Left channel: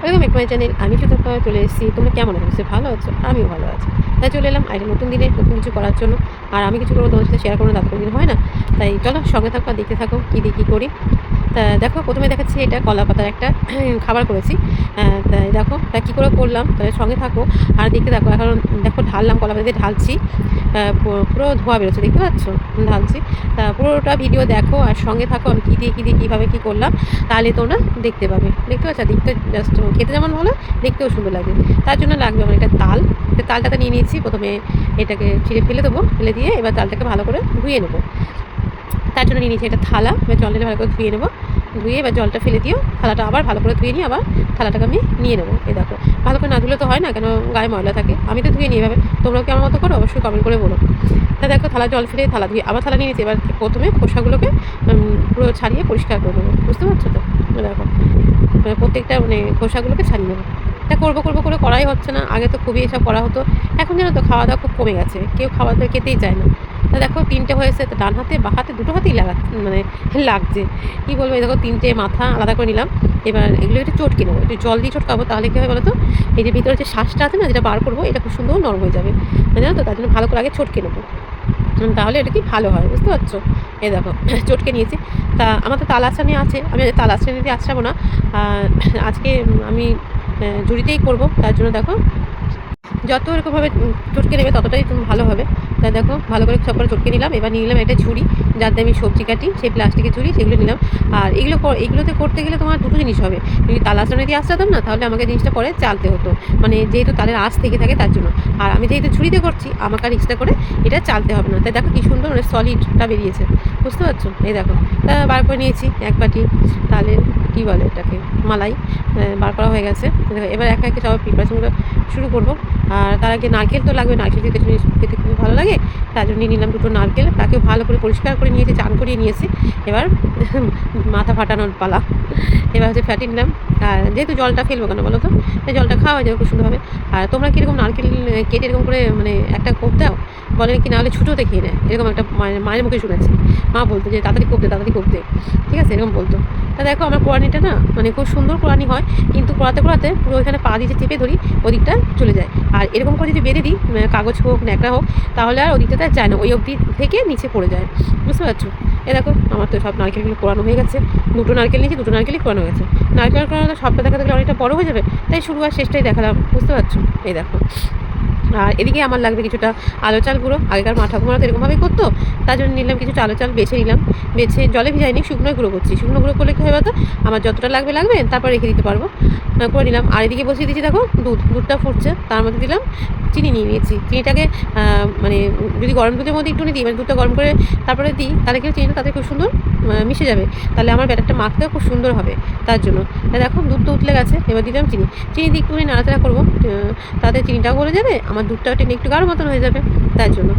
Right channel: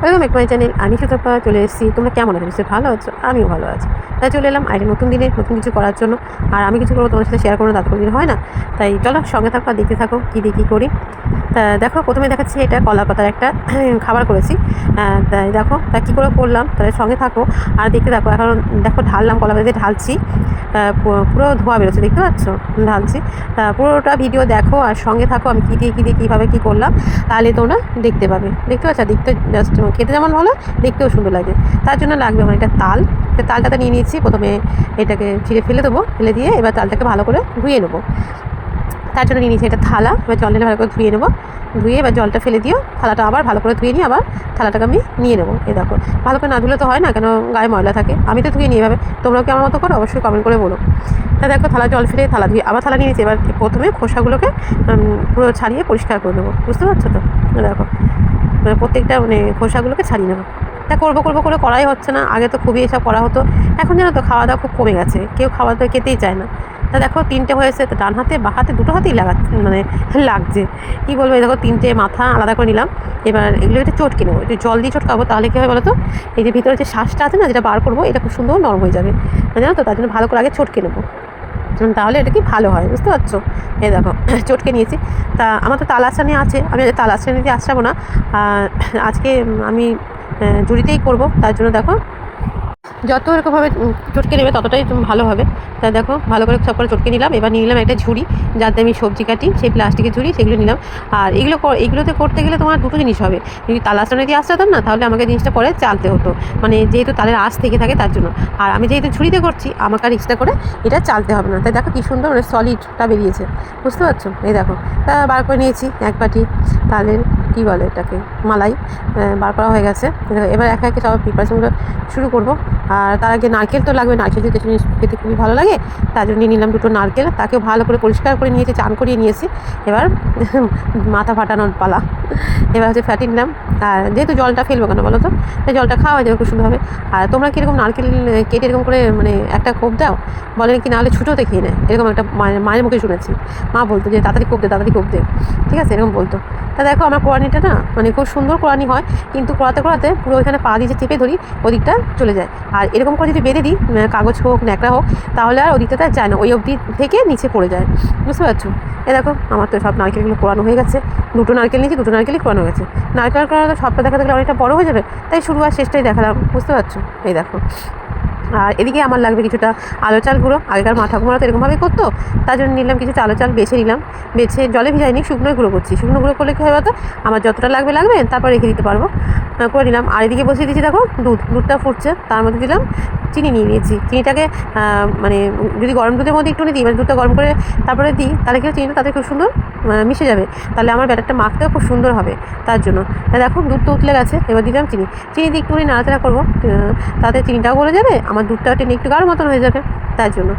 Welcome back my channel আমি সুতপা চলে এসেছি। তোমরা কেমন আছো? ভালো আছো, আমিও ভালো আছি। তাই চলে এলাম। আজকে নতুন দিনে নতুন কিছু করার জন্য। আর আমি কিছু করব তোমার সাথে শেয়ার করব কোনো দিন হয় না। তাই চলো, সঙ্গে থাকো আর দেখতে থাকো কী দিয়ে কী করি। তা দেখো, প্রথমে দেখাচ্ছি এটা কলা পাতার একটা খাবার করেছি। তাই দেখো, তা কী করে করলাম? তাহলে সঙ্গে থাকো আর দেখতে থাকো। এখন দেখো, ঢাললাম কলা পাতা ঢালছি পুরো ধোয়া বেরোচ্ছে, দেখতে পাচ্ছ? ঢালছি। তা পুরোটা ভিডিও দেখো আর সঙ্গে থাকো আমি কী দিয়ে কী দিয়ে, কীভাবে কী করলাম। তাহলে তোমরা দেখতে পাবে। দেখতে পাচ্ছ? দেখতে জাস্ট খেতে যেমন ভালো, দেখতেও সুন্দর লাগে। তার জন্য লাগবে আমার একটা তাল। তালটাতে নিয়ে নিয়েছি প্রথমে এটাকে ছিঁড়ে ফেলে দেবো, ফেলে দিয়ে এবার চালটাকে ভালো করে ধুয়ে নেব। তার জন্য নিয়ে নিয়েছি একটা থালা, এবার জল ভালো করে ধুয়ে নেব। ধুয়ে এবার জলটা ফেলে দিও, থালাটা আবার ভালো করে ধুয়ে নিয়ে আবার থালাটাকে আমি নিয়ে নেব। এই দেখো, ভালো করে না ধুলে তো হয় না, কেন গায়ে ময়লা থাকে। আমি তো ধুয়ে নিই এভাবে। তোমরাও কি আমার মতো করো? অবশ্যই কমেন্ট করে বলো। তা দেখো, থালা জল ফেলে থালা ধুয়ে আবার থালা নিয়ে নিয়েছি। এবার প্রথমে খোসাগুলোকে পুরো ছাড়িয়ে পরিষ্কার করে নেব। বুঝতে পারছ তো? দেখো মানে প্রত্যেকটা মানে খোসাগুলোকে ছাড়িয়ে নেব। তা করব করব, করে করাই হচ্ছে না। আগে তো খুবই এসব করা হতো। এখন যেন তো, খাওয়া দাওয়া খুব কমে গেছে। কেউ খাওয়া দাওয়া খেতেই চায় না। তা দেখো, তিনটে হয়েছে, তো ডান হাতে, বা হাতে দুটো হাতেই লাগা মানে লাগছে। কী বলব, এই দেখো, তিনটে মাথা আলাদা করে নিলাম। এবার এগুলো একটু চটকে নেব। একটু জল দিয়ে চটকাবো, তাহলে কী হয় বলো তো এই যে ভিতরে যে শ্বাসটা আছে না, যেটা বার করব, এটা খুব সুন্দর নরম হয়ে যাবে। জানো তো, তার জন্য ভালো করে আগে চটকে নেব। তাহলে এটা কি ভালো হয়, বুঝতে পারছ? এই দেখো, চটকে নিয়েছি। তা আমার তো তাল আশ্রানি আছে। আমি তাল আশ্রানি দিয়ে আশ্রাবো না আজকে আমি আহ, জুড়িতেই করব। তার জন্য দেখো যত এরকমভাবে চটকে নেবে ততটাই ভালো হবে। তা দেখো, ভালো করে সব করে চটকে নিলাম। এবার নিলাম একটা ঝুড়ি, যাতে আমি সবজি কাটি, সেই প্লাস্টিকের ঝুড়ি, সেগুলো নিলাম। আর এগুলো এগুলোতে করতে গেলে তোমার দুটো জিনিস হবে। যদি তাল আশ্রানি দিয়ে আসতাম না, তাহলে আমাকে জিনিসটা পরে চালতে হতো। মানে যেহেতু তালের আঁশ থেকে থাকে, তার জন্য। আর আমি যেহেতু ঝুড়িতে করছি, আমাকে আর এক্সট্রা করে এটা চালতে হবে না। তাই দেখো কি সুন্দর মানে সলিডটা বেরিয়েছে। বুঝতে পারছ? এই দেখো। তা বার করে নিয়েছি এক বাটি তালের, কী বলে এটাকে? মালাই বার করা হয়ে গেছে। এবার একা একে সব প্রিপারেশনগুলো শুরু করব। আর তার আগে নারকেল তো লাগবে, নারকেল জিনিস খেতে খুবই ভালো লাগে। তার জন্য নিলাম দুটো নারকেল, তাকে ভালো করে পরিষ্কার করে নিয়েছি, চান করিয়ে নিয়েছি। এবার মাথা ফাটানোর পালা। এবার হচ্ছে ফ্যাটি নিলাম। আর যেহেতু জলটা ফেলব কেন বলো তো? তাই জলটা খাওয়া যাবে খুব সুন্দরভাবে। আর তোমরা কীরকম নারকেল কেটে এরকম করে মানে একটা কোপ দাও? বলেন কি নাহলে ছুটোতে খেয়ে নেয়। এরকম একটা মায়ের মুখে শুনেছি। মা বলতো যে, তাড়াতাড়ি কোপ দে, তাড়াতাড়ি কোপ দে। ঠিক আছে, এরকম বলতো। তা দেখো আমার কোরআনিটা না মানে খুব সুন্দর কোরআনি হয়, কিন্তু করাতে করাতে পুরো ওইখানে পা দিয়ে চেপে ধরি, ওদিকটা চলে যায়। আর এরকম করে যদি বেঁধে দিই কাগজ হোক, ন্যাকড়া হোক, তাহলে আর ওদিকটাতে আর যায় না, ওই অবধি থেকে নিচে পড়ে যায়। বুঝতে পারছ? এ দেখো, আমার তো সব নারকেলগুলো কোরানো হয়ে গেছে। দুটো নারকেল নিয়েছি, দুটো নারকেলই কোরানো হয়ে গেছে। নারকেল কোরানো সবটা দেখাতে গেলে অনেকটা বড় হয়ে যাবে, তাই শুরু আর শেষটাই দেখালাম, বুঝতে পারছ? এই দেখো। আর এদিকে আমার লাগবে কিছুটা আলো চাল গুঁড়ো। আগেকার মা ঠাকুমারা তো এরকমভাবেই করতো, তার জন্য নিলাম কিছুটা আলো চাল, বেছে নিলাম। বেছে জলে ভিজাই ভিজাইনি শুকনোই গুঁড়ো করছি। শুকনো গুঁড়ো করলে কী হবে তো আমার যতটা লাগবে লাগবে, তারপর রেখে দিতে পারব। করে নিলাম। আর এদিকে বসিয়ে দিয়েছি দেখো, দুধ। দুধটা ফুটছে, তার মধ্যে দিলাম চিনি নিয়ে নিয়েছি। চিনিটাকে মানে যদি গরম দুধের মধ্যে একটু দিই মানে দুধটা গরম করে তারপরে দিই, তাহলে কি চিনিটা তাতে খুব সুন্দর মিশে যাবে, তাহলে আমার ব্যাটারটা মাখতেও খুব সুন্দর হবে তার জন্য। দেখো, দুধ তো উতলে গেছে, এবার দিলাম চিনি। চিনি দিয়ে একটুখানি নাড়াচাড়া করব তাতে চিনিটাও গলে যাবে, আমার দুধটাও টেনে একটু গাঢ় মতন হয়ে যাবে তার জন্য।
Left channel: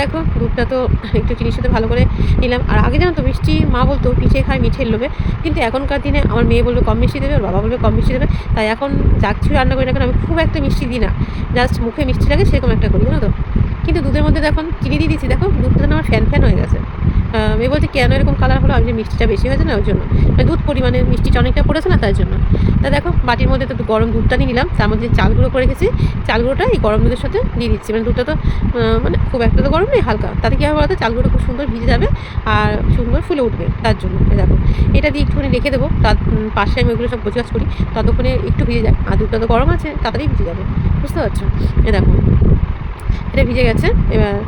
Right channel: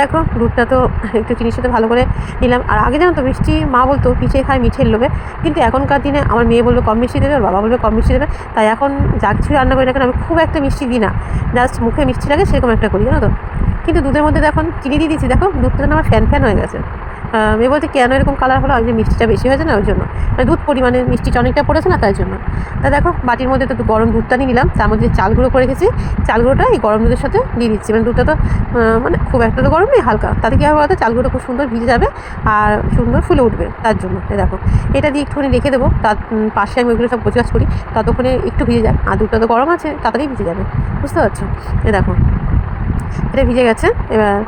দেখো, দুধটা তো একটু চিনির সাথে ভালো করে নিলাম। আর আগে জানো তো, মিষ্টি মা বলতো, পিঠে খায় মিঠের লোভে। কিন্তু এখনকার দিনে আমার মেয়ে বলবে কম মিষ্টি দেবে, আর বাবা বলবে কম মিষ্টি দেবে। তাই এখন যা কিছু রান্না করি না কেন, আমি খুব একটা মিষ্টি দিই না। জাস্ট মুখে মিষ্টি লাগে, সেরকম একটা করি, জানো তো। কিন্তু দুধের মধ্যে দেখুন চিনি দিয়ে দিচ্ছি দেখো, দুধটা আমার ফ্যান ফ্যান হয়ে গেছে। মেয়ে বলতে কেন এরকম কালার হলো? যে মিষ্টিটা বেশি হয়েছে না, ওই জন্য। মানে দুধ পরিমাণে মিষ্টিটা অনেকটা পড়েছে না, তার জন্য। তা দেখো, বাটির মধ্যে তো একটু গরম দুধটা নিয়ে নিলাম। তার মধ্যে চাল গুঁড়ো করে রেখেছি চাল গুঁড়োটা এই গরম দুধের সাথে দিয়ে দিচ্ছি। মানে দুধটা তো মানে খুব একটা তো গরম নেই, হালকা। তাতে কী হবে বলতো? চাল গুঁড়ো খুব সুন্দর ভিজে যাবে আর সুন্দর ফুলে উঠবে, তার জন্য। দেখো, এটা দিয়ে একটুখানি রেখে দেবো। তার পাশে আমি ওইগুলো সব গোছগাছ করি। ততক্ষণে একটু ভিজে যাক। আর দুধটা তো গরম আছে, তাড়াতাড়ি ভিজে যাবে। বুঝতে পারছ? এ দেখো এটা ভিজে গেছে, এবার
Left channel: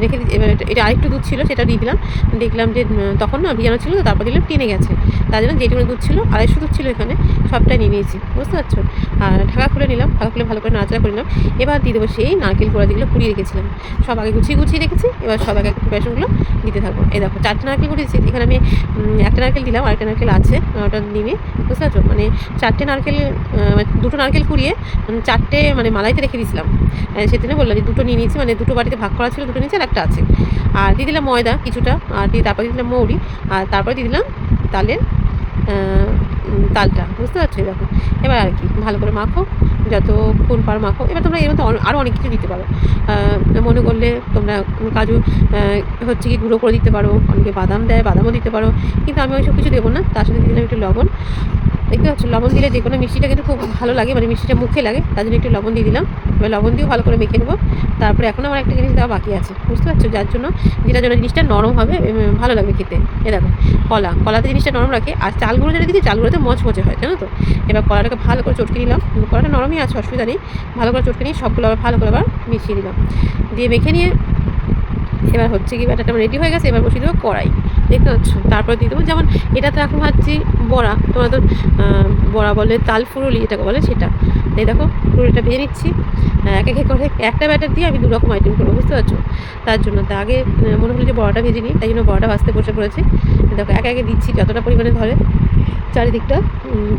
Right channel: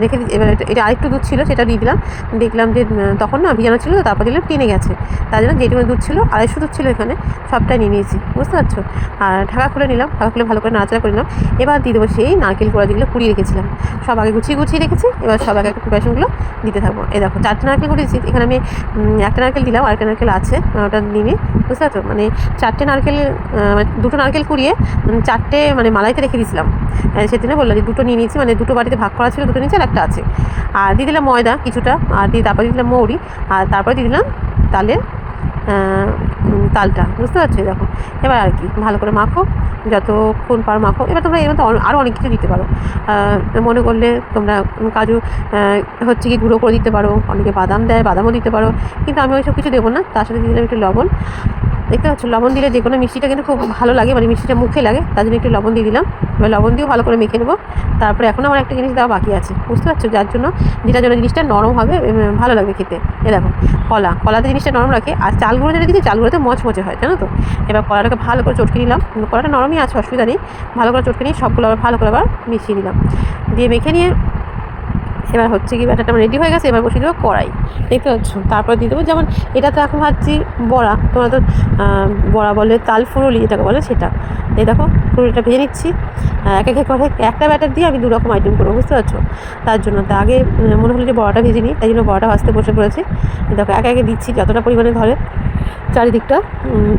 রেখে এবার এটা- আরেকটু দুধ ছিল, সেটা দিয়ে দিলাম। দেখলাম যে তখন না ভিজানো ছিল, তারপর দিলাম টেনে গেছে। তার জন্য যেটুকু দুধ ছিল, আড়াইশো দুধ ছিল এখানে, সবটাই নিয়ে নিয়েছি, বুঝতে পারছ? আর ঢাকা খুলে নিলাম, ঢাকা খুলে ভালো করে নাড়াচাড়া করে নিলাম। এবার দিয়ে দেবো সেই নারকেল কোড়া যেগুলো কুড়িয়ে রেখেছিলাম। সব আগে গুছিয়ে গুছিয়ে রেখেছি, এবার সব আগে প্রিপারেশনগুলো দিতে থাকব। এই দেখো, চারটে নারকেল কুড়িয়েছি, এখানে আমি একটা নারকেল দিলাম, আরেকটা নারকেল আছে ওটা নিয়ে বুঝতে পারছ? মানে চারটে নারকেল মানে দুটো নারকেল কুড়িয়ে চারটে মানে মালাইতে রেখে দিয়েছিলাম। সেদিনে বললাম যে দুটো নিয়ে নিয়েছি মানে দুটো বাড়িতে ভাগ করা ছিল, দুটো নিয়েছি আর একটা আছে। আর দিয়ে দিলাম ময়দা কিছুটা, আর দিয়ে তারপরে দিয়ে দিলাম মৌরি, আর তারপরে দিয়ে দিলাম তালের তালটা, বুঝতে পারছ দেখো। এবার আর কি, ভালো করে মাখো যত যতক্ষণ পারো মাখো। এবার তোমরা এর মধ্যে আরও অনেক কিছু দিতে পারো। মনে করলে তোমরা কাজু হচ্ছে কি গুঁড়ো করে দিতে পারো, অনেকে বাদাম দেয়, বাদামও দিতে পারো, কিন্তু আমি ওইসব কিছু দেবো না, তার সাথে দিয়ে দিলাম একটু লবণ। দেখতে পাচ্ছ, লবণ দিলে যে কোনো মিষ্টিটা কিন্তু খুব ভালো লাগে মানে মিষ্টিটা মুখে লাগে, তার জন্য একটু লবণ দিয়ে দিলাম। এবার লবণ দিয়েও ভালো করে মেখে নেব। তারপরে এখন আমার একটা জিনিস দেওয়া বাকি আছে, বুঝতে পারছ? যার জন্য, যেটার জন্য জিনিসটা নরম হবে ভালো লাগবে খেতে। এ দেখো, কলা। কলাতে জিনিসটা নরম রাখে, আর চালগুলো যেটা দিচ্ছি চালগুলোতে মচমচে হয়, জানো তো? এবার কলাটাকে ভালো করে চটকে নিলাম। কলাটা নরমই আছে, অসুবিধা নেই। ভালো করে চটকে নিয়ে সবগুলো আবার ভালো করে আবার মিশিয়ে নিলাম। দিয়ে মেখে নিয়ে, এবার হচ্ছে কি, ব্যাটারটা রেডি হয়ে গেছে, এবার বসিয়ে দেবো কড়াই। দেখতে পাচ্ছ? তারপর দিয়ে দেবো, যেমন এটা তো এখন ভাবছি বড়া। তোমরা তো বড়া বলে তাল ফুরুলি এটাকে বলে সেটা। এই দেখো, ফুরুলিটা ভেজে নিচ্ছি। এক এক করে একটা ব্যাটার দিয়ে আমি দু রকম আইটেম করব, বুঝতে পারছ? তার জন্য তা আগে মনে হলো যে বড়াটা ভেজে নিই, তাই জন্য বড়াটা ভাজতে বসে পড়েছি। দেখো, একে একে দিচ্ছি যতটা পরিমাণে ধরে। চারিদিকটা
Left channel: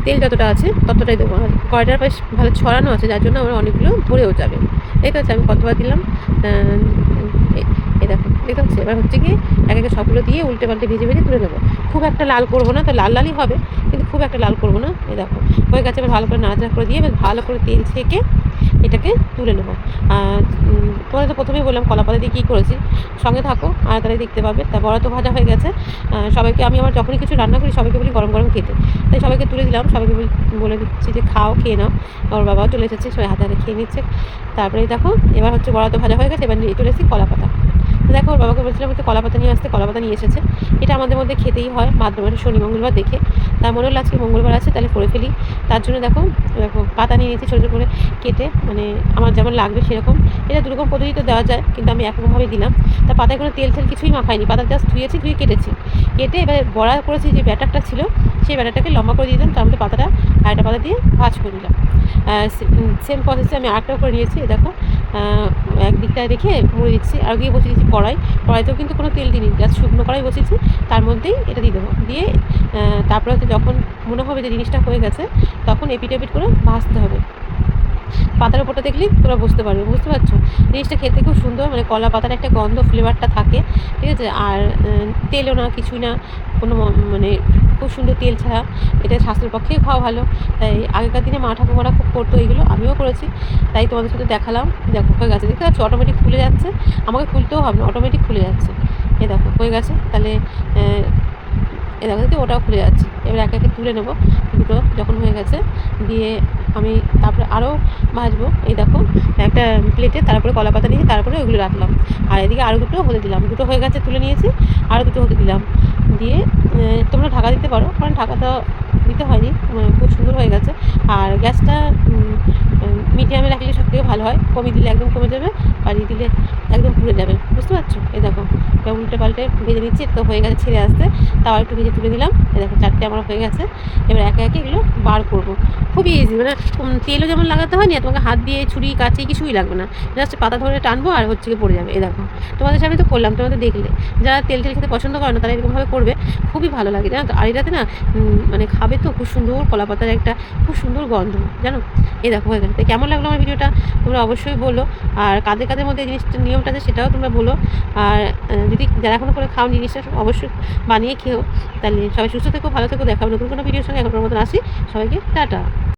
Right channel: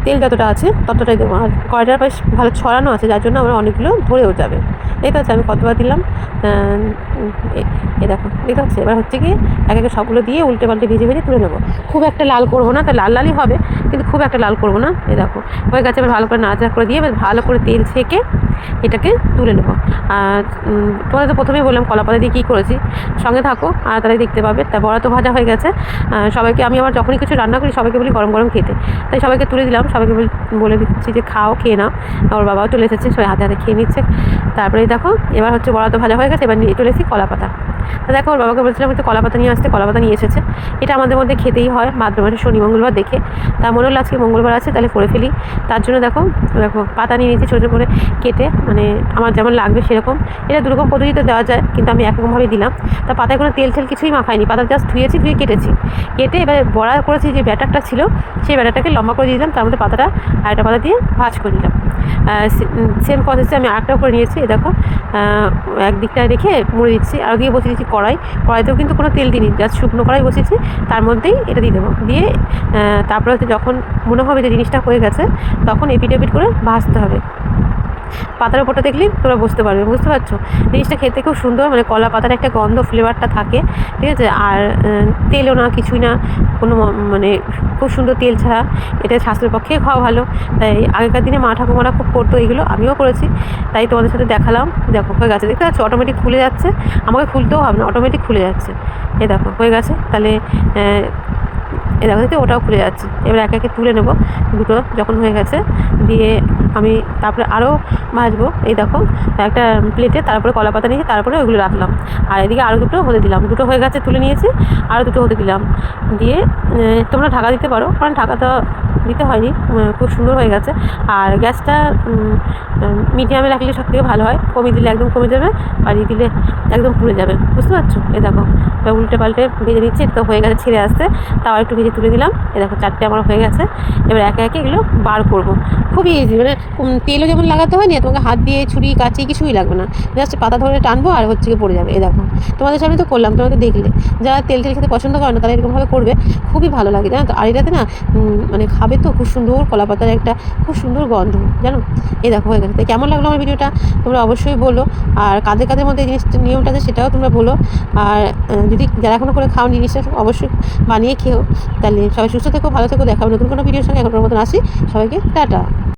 তেল যতটা আছে ততটাই দেবো। আর কয়টার পাশ ভালো ছড়ানো আছে, যার জন্য আমার অনেকগুলো ধরেও যাবে। দেখতে পাচ্ছি আমি কতবার দিলাম? দেখতে পাচ্ছি এবার হচ্ছে কি এক একে সবগুলো দিয়ে উল্টে পাল্টে ভেজে ভেজে তুলে নেব। খুব একটা লাল করব না তা লাল লালই হবে কিন্তু খুব একটা লাল করব না। এই দেখো হয়ে গেছে এবার ভালো করে নাচা করে দিয়ে এবার ভালো করে তেল ছেঁকে এটাকে তুলে নেব। আর উম, তোমাদের তো প্রথমেই বললাম কলা পাতা দিয়ে কী করেছি? সঙ্গে থাকো আর তারাই দেখতে পাবে। তা বড়া তো ভাজা হয়ে গেছে। সবাইকে আমি আবার যখনই কিছু রান্না করি সবাইকে বলি গরম গরম খেতে। তাই সবাইকে তুলে দিলাম সবাইকে বল- দিচ্ছি যে খাও খেয়ে নাও। ওর বাবাও চলে এসেছে সবাই হাতে হাতে খেয়ে নিচ্ছে। তারপরে দেখো এবার হচ্ছে বড়া তো ভাজা হয়ে গেছে এবার নিয়ে চলে এসেছি কলা পাতা। তো দেখো, ওর বাবাকে বলছিলাম হচ্ছে কলা পাতা নিয়ে আসতে কলা পাতা নিয়ে এসেছে। এটা আমাদের মধ্যে খেতেই হয় মাসে শনি, মঙ্গলবার দেখে। তা মনে হলো আজকে মঙ্গলবার আছে, তাহলে করে ফেলি। তার জন্য দেখো দেখো, পাতা নিয়ে নিয়েছি ছোটো করে কেটে মানে আমার যেমন লাগবে সেরকম। এটা দুরকম পদ্ধতিতে দেওয়া যায়, কিন্তু আমি একরকমভাবেই দিলাম। তা পাতায় কোনো তেল টেল কিছুই মাখাইনি, পাতা জাস্ট ধুয়েছি, ধুয়ে কেটেছি। কেটে এবার বড়া করেছি, যে ব্যাটারটা ছিল, সেই ব্যাটারটাকে লম্বা করে দিয়ে দিলাম, তার মধ্যে পাতাটা আরেকটা পাতা দিয়ে ভাজ করে দিলাম সেম প্রসেসে আমি আরেকটাও করে নিয়েছি দেখো। একদিকটা রেখে মুড়ে দিচ্ছি, আর দিয়ে বসিয়ে দিচ্ছি কড়াই। কড়াইতেও কিন্তু কোনো তেল দিইনি জাস্ট শুকনো কড়াই বসিয়েছি, তার মধ্যেই এটা দিয়ে দেবো। দিয়ে তারপরে হচ্ছে যখন মনে হবে যে জিনিসটা হয়ে গেছে, তখন এপিট এপিট করে ভাজতে হবে। পাতার উপরটা দেখলেই তোমরা বুঝতে পারবে, বুঝতে পারছ? জিনিসটা খেতে খুব সুন্দর মানে কলা পাতার একটা গন্ধ ফ্লেভারটা থাকে, ঠিক আছে? আর তেলও না, কিছুই না, কোনো মানে খুব সুন্দর তেল ছাড়া। এটা স্বাস্থ্যের পক্ষে খাওয়া ভালো। তাই আগেকার দিনে মা ঠাকুমারা খুব করতো এগুলো, আমিও করেছি। তাই তোমাদের সাথে দেখালাম। দেখো, হয়ে গেছে। দেখতে পাচ্ছ অটোমেটিক খুলে যাচ্ছে। আমাকে খুলতেও হবে না অটোমেটিক খুলে যাচ্ছে। এ দেখো, হয়ে গেছে। তাহলে এই দেখো দেখতে ওটাও খুলে যাচ্ছে। এবার একে একে তুলে নেব। দুটো যখন হয়ে গেছে, দিয়ে আমি তারপরে আরও ভাজবো। এই দেখো, একটা প্লেটে তারপরে কলা পাতা নিয়েছি, তারপরে ওইগুলো রাখলাম। আর এদিকে আরও দুটো হতে দিলাম। দুটো হয়ে গেছে, তুলে নিয়েছি আরও দুটো হতে দিলাম। দিয়ে তোমরা ঢাকা দিতে পারো, কারণ ঢাকাটা দিতে হয়নি খুব সুন্দর হয়ে গেছে। আর গ্যাসটা মিডিয়ামে রাখলে সব থেকে ভালো হয়। কমিয়ে দিলে একদম কমে যাবে, বাড়িয়ে দিলে একদম পুড়ে যাবে। বুঝতে পারছ? এই দেখো উল্টে পাল্টে ভেজে নিচ্ছি তো হয়ে গেছে, ছেড়ে আসতে। তাও একটু ভেজে তুলে দিলাম। এই দেখো চারটে আমার হয়ে গেছে। এবার একে একে এগুলো বার করব। খুবই ইজি মানে তেলও যেমন লাগাতে হয় না তোমাকে হাত দিয়ে ছুরি, কাচি কিছুই লাগবে না। জাস্ট পাতা ধরে টানবো আর হচ্ছে গিয়ে পড়ে যাবে। এই দেখো। তোমাদের সামনে তো করলাম, তোমাদের দেখলে। যারা তেল তেল খেতে পছন্দ করে না, তারা এরকমভাবে করবে। খুবই ভালো লাগে, জানো তো? আর এটাতে না মানে খাবে তো খুব সুন্দর কলা পাতার একটা খুব সুন্দর গন্ধ, জানো? এই দেখো হয়ে গেছে। কেমন লাগল আমার ভিডিওটা? তোমরা অবশ্যই বলো। আর কাদের কাদের মধ্যে এই জিনিসটা নিয়মটা আছে, সেটাও তোমরা বলো। আর যদি যারা এখনও করে খাও জিনিসটা অবশ্যই বানিয়ে খেও। তাহলে সবাই সুস্থ থেকো, ভালো থেকো দেখাবো নতুন কোনো ভিডিওর সঙ্গে। এখন মতন আসি। সবাইকে টাটা।